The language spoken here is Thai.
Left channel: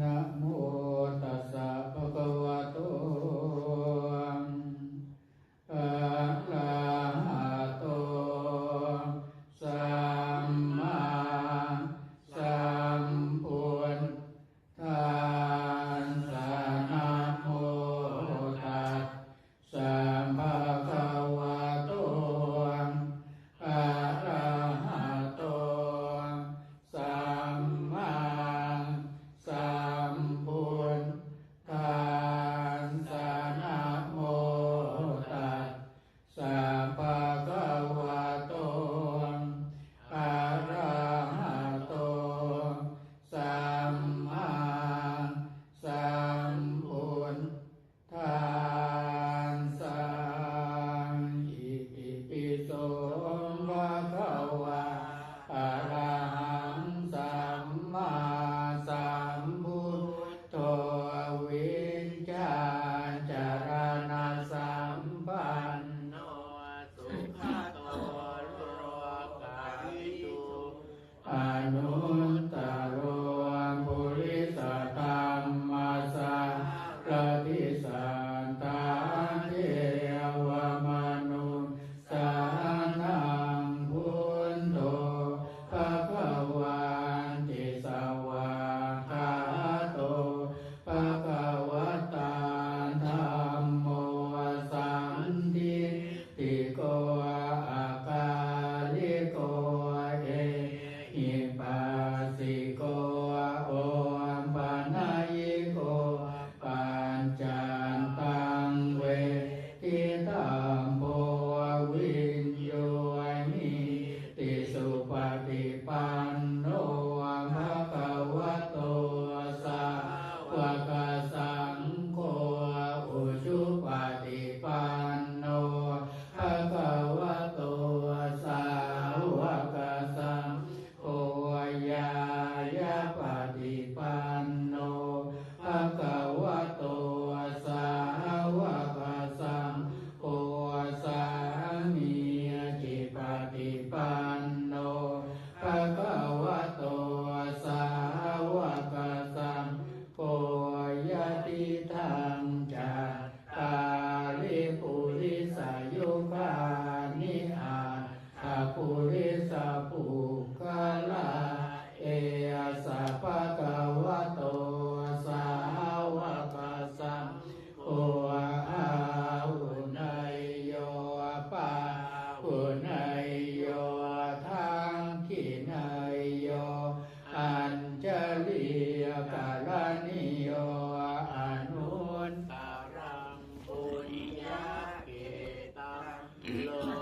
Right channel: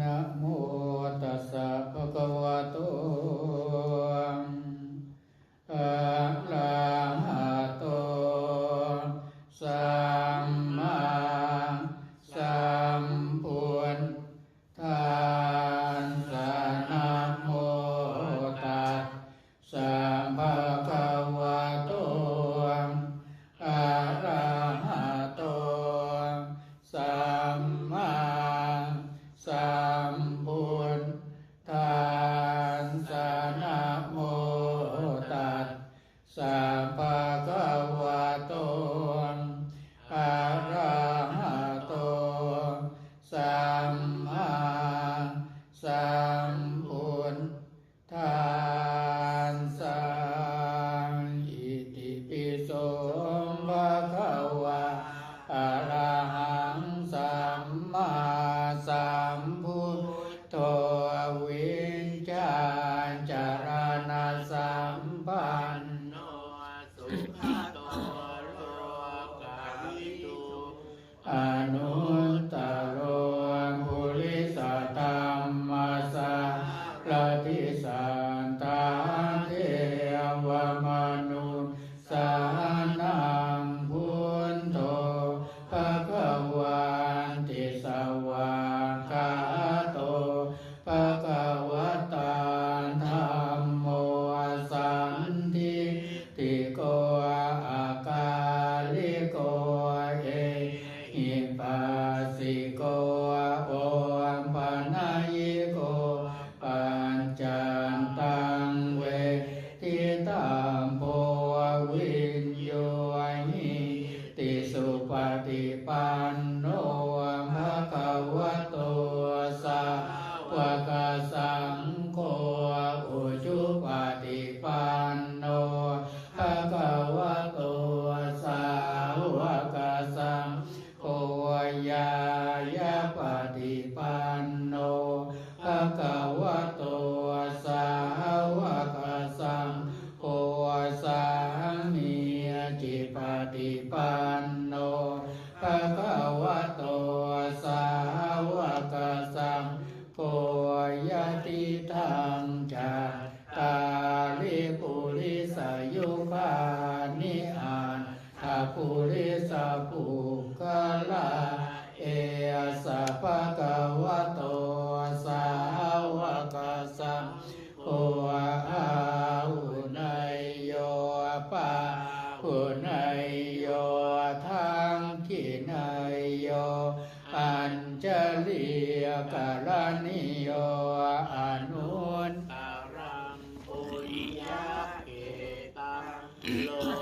นะโม ปันโนภะคะวะโตสาวกสังโฆอุจุปฏิปันโนภะคะวะโตสาวกสังโฆยายะปฏิปัน love.